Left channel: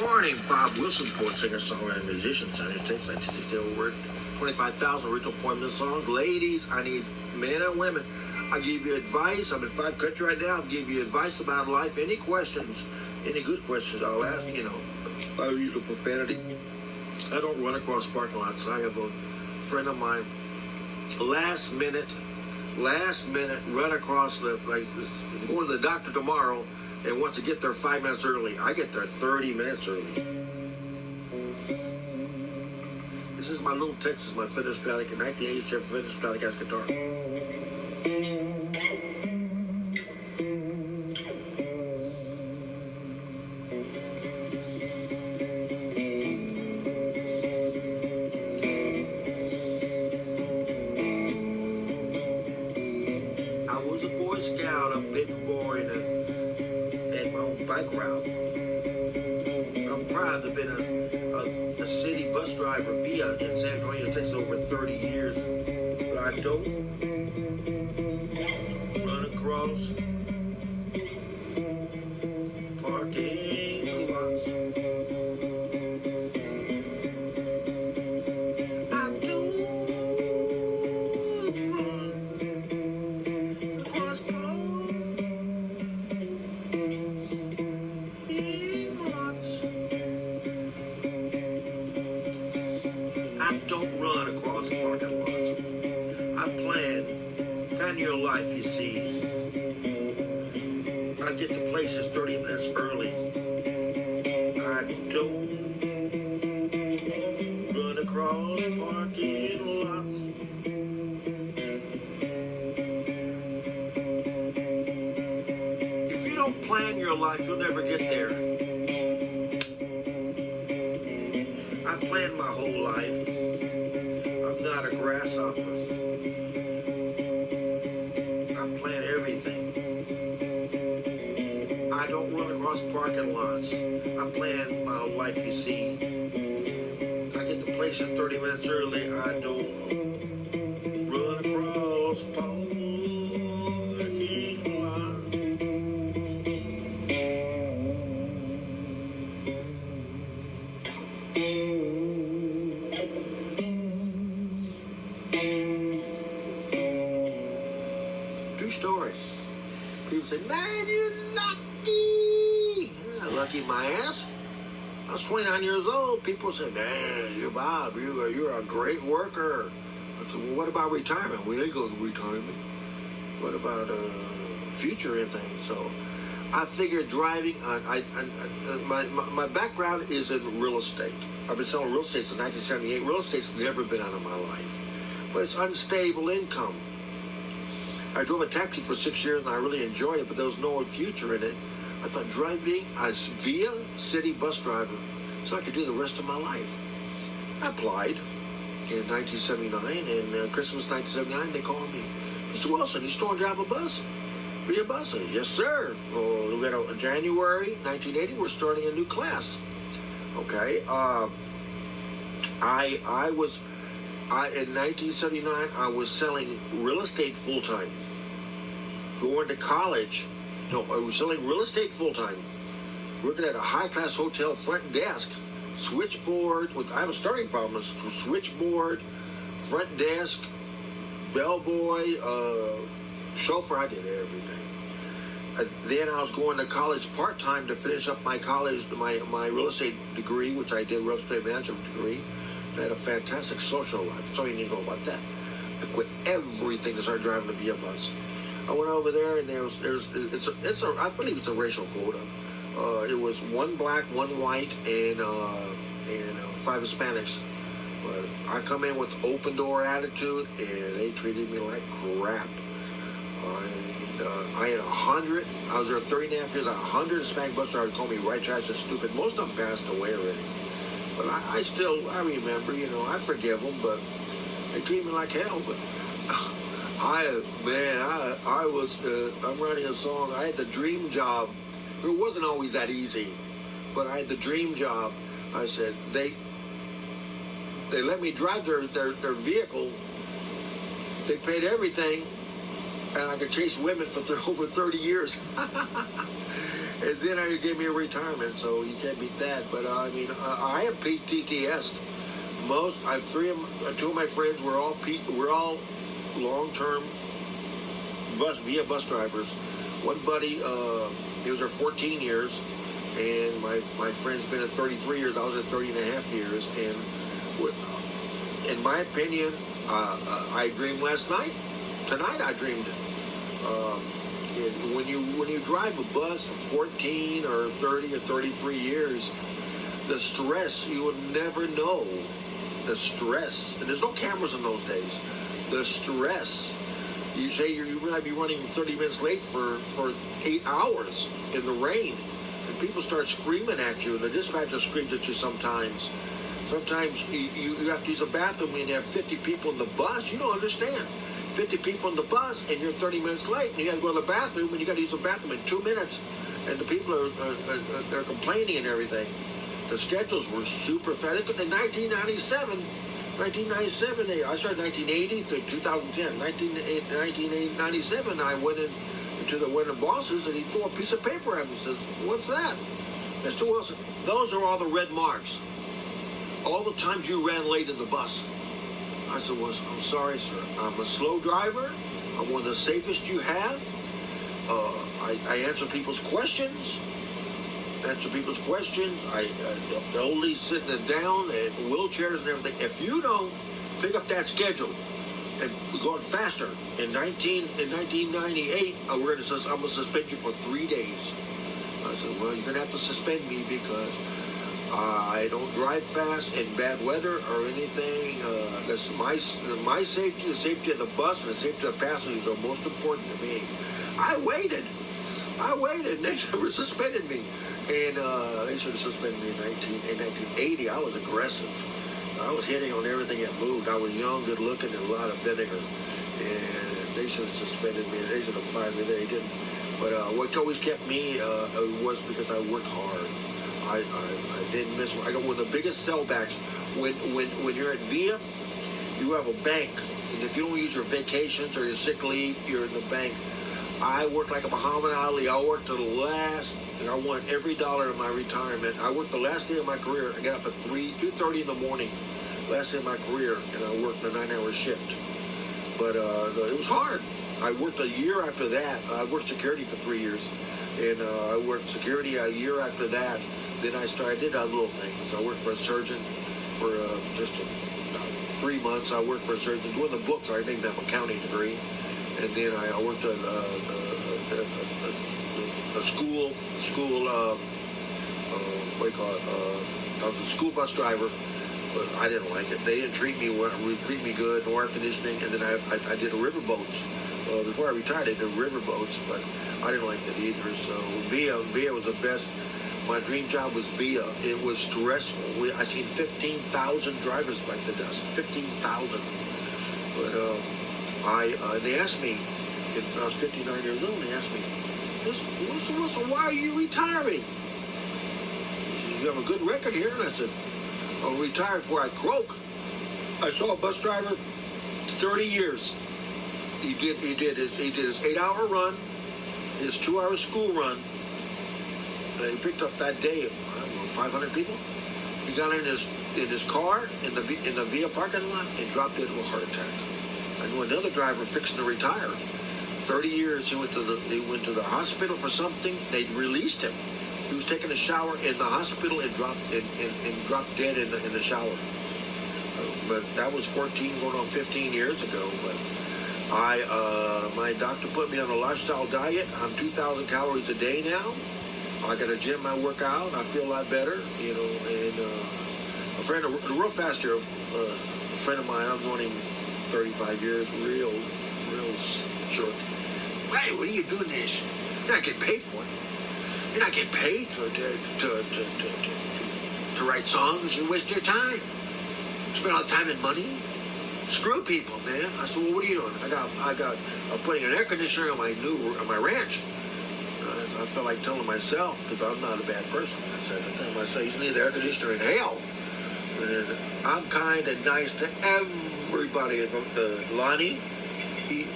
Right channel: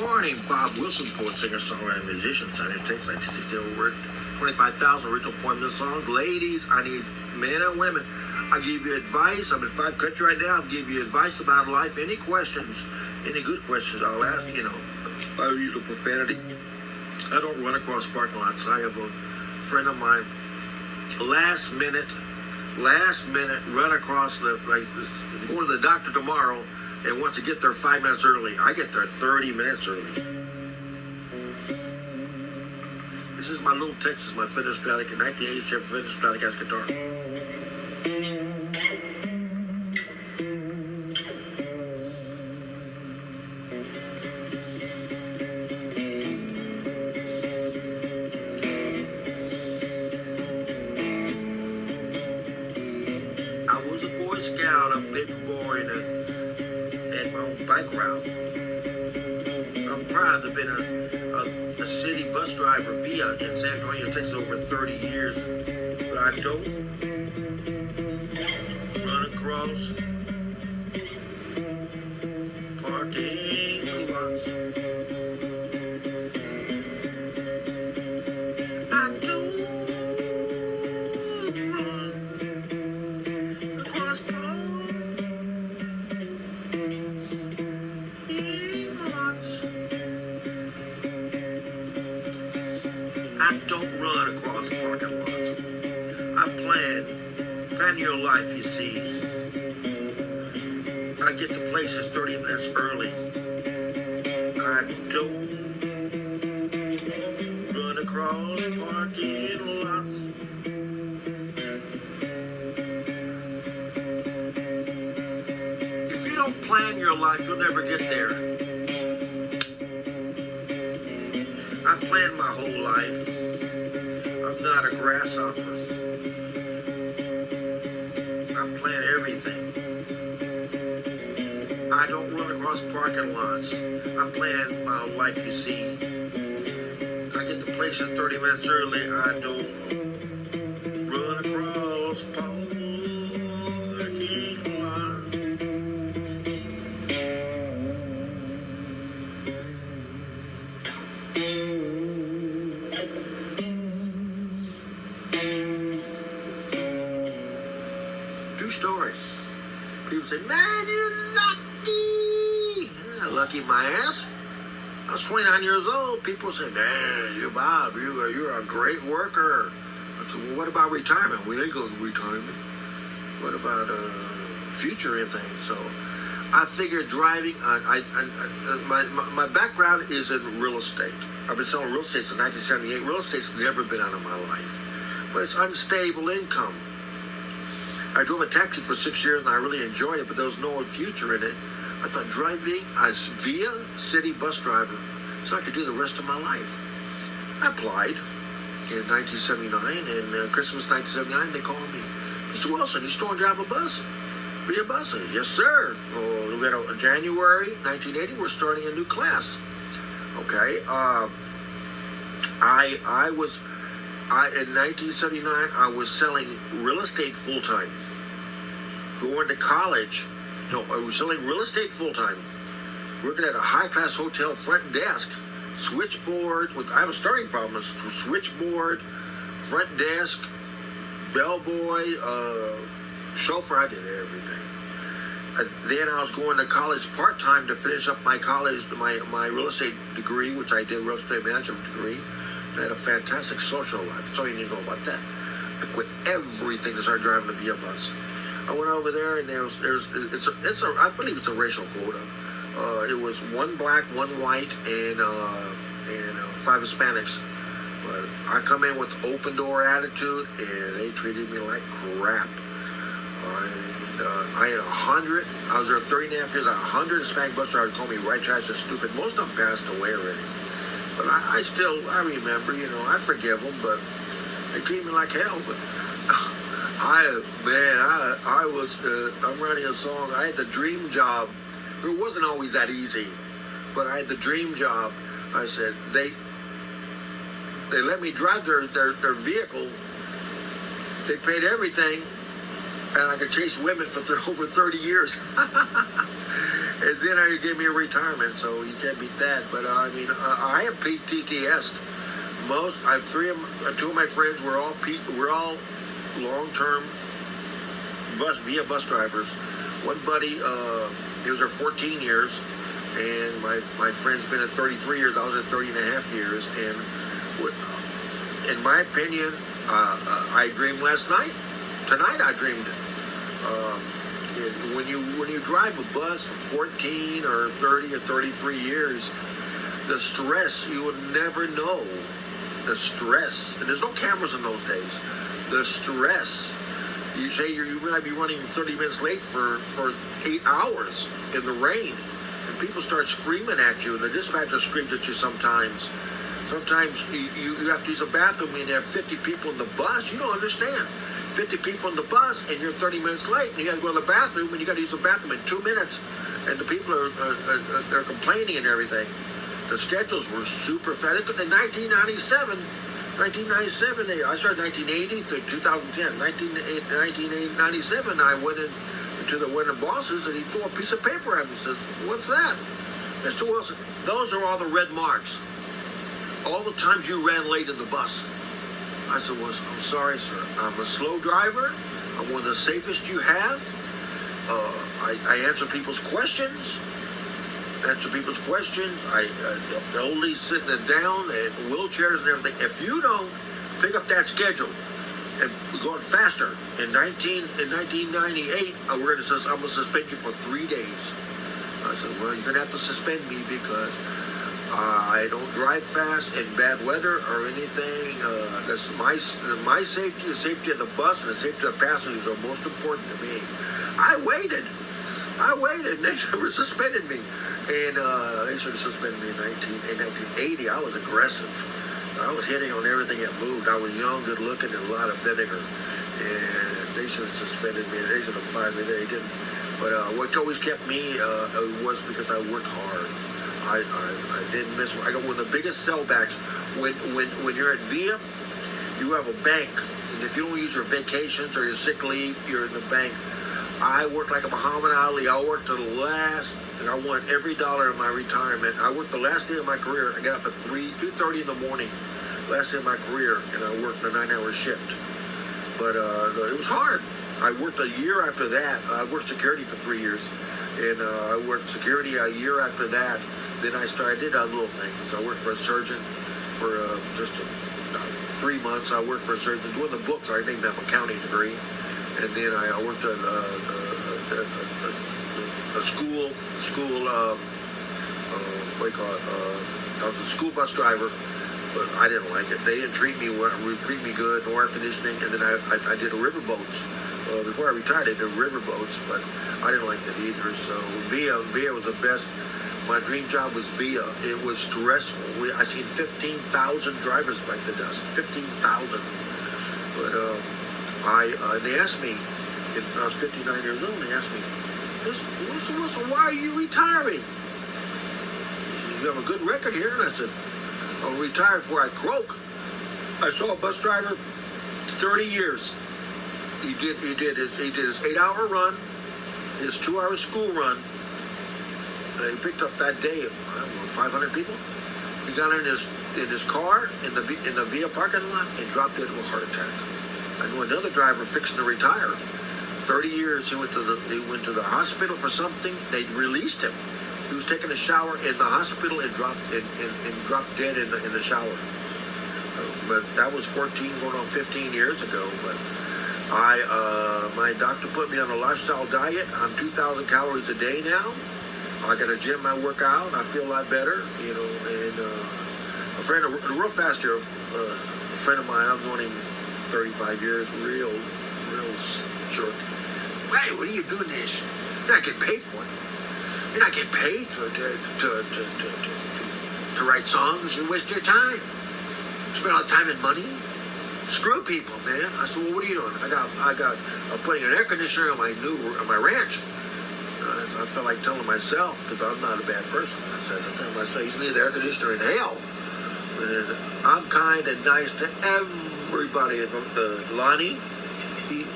morning, Bob Wilson, Poet, singer, songwriter, musician, signed it takes like 60 over 25,000 original poem song. Ladies, I need men and women. I'll give you advice. I'm in 5 countries right now. I'll give you advice about life. Any questions, any good questions, I'll ask. I use the profanity. I don't run across parking lots. I have a friend of mine, last minute, run across go to the doctor tomorrow and want to get there 5 minutes early. I get there 30 minutes early. This is my little Texas, my Fender Stratocaster, 1987 Fender Stratocaster guitar. I was a Boy Scout, a big boy at my own bike route. I'm proud to have been a city bus driver via in San Antonio. It takes over 30 years, but I don't run across parking lots. I don't run across parking lots. I don't run across parking lots. I plan your life, you see. I get to places 30 minutes early. I don't run across parking lots. If you don't plan your life, you'll never get there. I planned my whole life. I'm not a grasshopper. I plan everything. I don't run across parking lots. I plan my life, you see. I get to places 30 minutes early. I don't run across parking lots. True story. People say, man, you're lucky. Yeah, lucky my ass. I was 29 years old. People say, man, you Bob, you're a great worker. I said, well, what about retirement? We ain't going to retirement. What about future and things? So I figured driving, my background is in real estate. I've been selling real estate since 1978. Real estate's never been out of my life. But it's unstable income. I drove a taxi for 6 years and I really enjoyed it, but there was no future in it. I thought driving as via city bus driver so I could do the rest of my life. I applied in 1979, and Christmas 1979, they called me, Mr. Wilson, you still want to drive a bus? Via buses? Yes, sir. Well, we got in January 1980, we're starting a new class. Okay. In 1979, I was selling real estate full-time. Going to college. No, I was selling real estate full-time. Working at a high-class hotel front desk. Switchboard. I have a starting problem. Switchboard, front desk, bellboy, chauffeur. I did everything. Then I was going to college part-time to finish up my college, my real estate degree, which I did, real estate management degree. I had a fantastic social life. That's all you need to know about that. I quit everything to start driving the via bus. I went over there, and I believe it's a racial quota. It was 1 black, 1 white, and 5 Hispanics. But I come in with open door attitude, and they treated me like crap. I had 100. I was there 30 and a half years. 100 Hispanic bus drivers told me white trash is stupid. Most of them passed away already. But I remember, I forgive them, but they treat me like hell. But I'm writing a song. I had the dream job. It wasn't always that easy, but I had the dream job. I said, they let me drive their vehicle. They paid everything, and I could chase women for over 30 years. And then he gave me a retirement, so you can't beat that. But I mean, I have PTSD. I have two of my friends were all long-term bus drivers. One buddy, he was there 14 years, and my friend's been at 33 years. I was at 30 and a half years, and in my opinion, I dreamed last night. Tonight I dreamed it. When you drive a bus for 14 or 30 or 33 years, the stress, you will never know the stress. And there's no cameras in those days. The stress. You say you might be running 30 minutes late for 8 hours in the rain. And people start screaming at you, and the dispatcher screams at you sometimes. Sometimes you have to use a bathroom and you have 50 people in the bus. You don't understand. 50 people in the bus and you're 30 minutes late and you got to go to the bathroom and you got to use the bathroom in 2 minutes. And the people they're complaining and everything. The schedules were super fat. In 1997, I started 1980 to 2010. 1997, I went into the winter bosses and he threw a piece of paper at me and says, "What's that?" Mr. Wilson, those are all the red marks. All the times you ran late in the bus. I said, "Well, I'm sorry, sir. I'm a slow driver. I'm one of the safest you have. I answer people's questions. I the old lady's sitting down and wheelchairs and everything. If you don't pick up that schedule and going faster, in 1998, I'm going to suspend you for 3 days." I said, "Well, you're going to have to suspend me because I don't drive fast in bad weather or anything. That's my safety, the safety of the bus, and the safety of the passengers are most important to me." I waited. And they never suspended me. And they should have suspended me in 1980. I was aggressive. I was hitting on everything that moved. I was young, good looking, and a lot of vinegar. And they should have suspended me. They should have fired me. They didn't. But what always kept me was because I worked hard. I didn't miss. I got one of the biggest sellbacks. When you're at VIA, you have a bank, and if you don't use your vacations or your sick leave, you're in the bank. I worked like a Muhammad Ali. I worked to the last, and I won every dollar of my retirement. I worked the last day of my career. I got up at 2:30 in the morning, last day of my career, and I worked a 9-hour shift. But it was hard. I worked a year after that. I worked security for 3 years, and I worked security a year after that. Then I did other little things. I worked for a surgeon for just 3 months. I worked for a surgeon doing the books. I didn't have an accounting degree. And then I worked at a school, what do you call it? I was a school bus driver, but I didn't like it. They didn't treat me good, no air conditioning. And then I did riverboats. Before I retired, I did riverboats, but I didn't like that either. So VIA was the best. My dream job was VIA. It was stressful. I seen 15,000 drivers bite the dust. 15,000. But they asked me, if I was 59 years old, they asked me, "Mr. Wilson, why are you retiring? You have a good record here." And I said, "I'll retire before I croak." I saw a bus driver, 30 years. He did his 8-hour run, his 2-hour school run. He picked up that day, 500 people. He got in his car in the VIA parking lot and dropped dead of a heart attack. I knew another driver fixing to retire. 30 years, he went to the hospital for something. They released him. He was taking a shower in the hospital and dropped dead in the shower. But that was 14, going on 15 years ago. But my doctor put me on a lifestyle diet. I'm 2,000 calories a day now. I got a gym. I work out. I feel a lot better, you know. And a friend, real fast here, a friend of mine. I've known him 35 years. Real jerk. "Hey, what are you doing this? You're not getting paid for it. You're not getting paid to write songs. You waste your time. Spend all the time and money. Screw people, man." I said, "Well, what are you doing?" I'm putting an air conditioner on my ranch. I felt like telling myself, because I'm not a bad person. I said, I'm telling myself, he's neither air conditioner in hell. And I'm kind and nice to everybody. Lonnie, he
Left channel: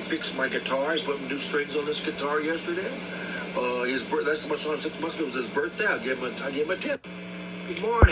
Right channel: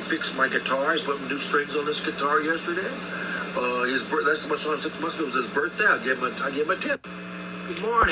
fixed my guitar. He put new strings on this guitar yesterday. Last time I saw him 6 months ago was his birthday. I gave him a tip. Good morning.